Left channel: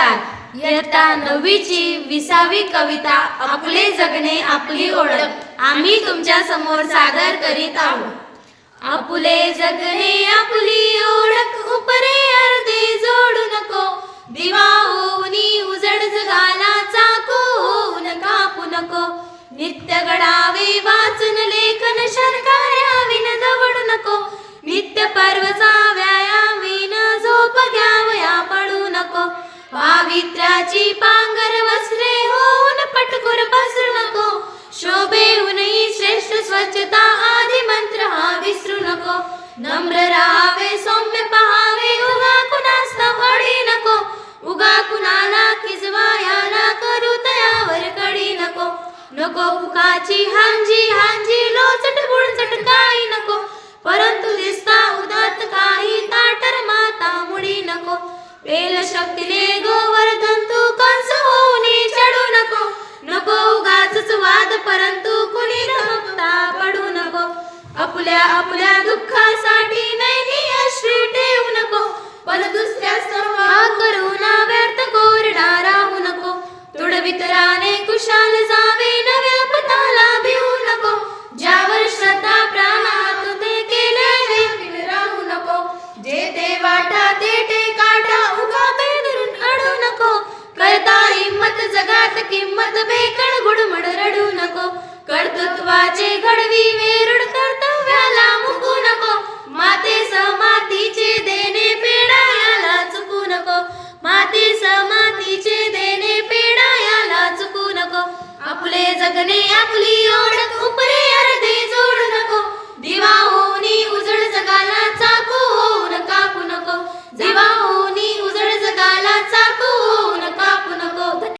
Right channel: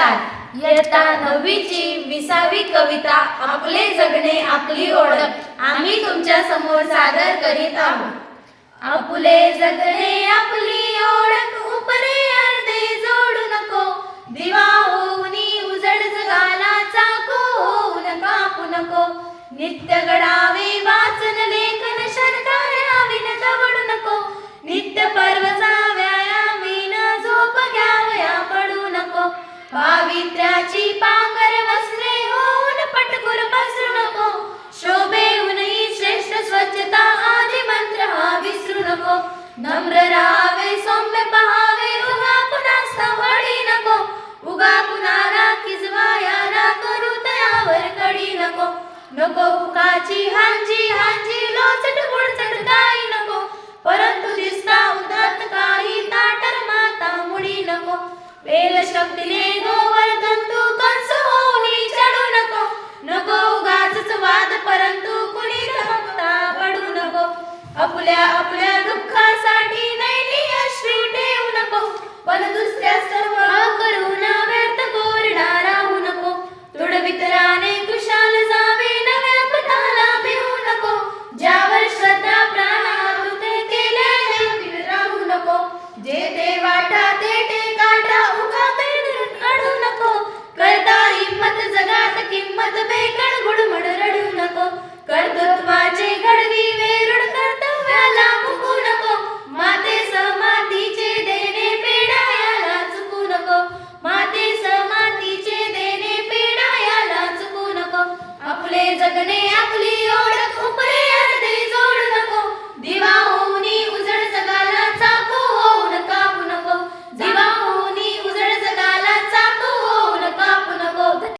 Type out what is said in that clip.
नमस्कार. इयत्ता 9वीची 20वी कविता आपले जगणे आपली ओळख आम्ही तुमच्या समोर सादर करीत आहोत. आपुले जगणे आपली ओळख उपरे अर्धे जोडू नको, दिवा होऊनी उजड जगाला चाकू होऊन कापू नको. नित्य घडावे वाचन लेखन शर्कार्याविन दवडू नको, नित्य पर्वचा व्यायामीन झोप घ्यावया पडू नको. पावित्र्याची पांगर वस्त्रे होऊन पटकुर पसरू नको, शोभेहूनही श्रेष्ठ स्वच्छता आदी मंत्र हा विसरू नको. नम्र राहावे सौम्य पहावे उगा कुणास वडी नको, उगा कुणाला खिजवाया ना करू तयावर कडी नको. नको फुकाची हांजी हांजी लोचट बुडचट काही नको, परंतु दिसता उदात काही ताटर माता मुडी नको. वेल शक्तीने गोवर्धन तू कंस होऊनी चढू नको, नको उगाच वाद परंतु कुणी धमकता पडू नको. आपुल्या आपुल्या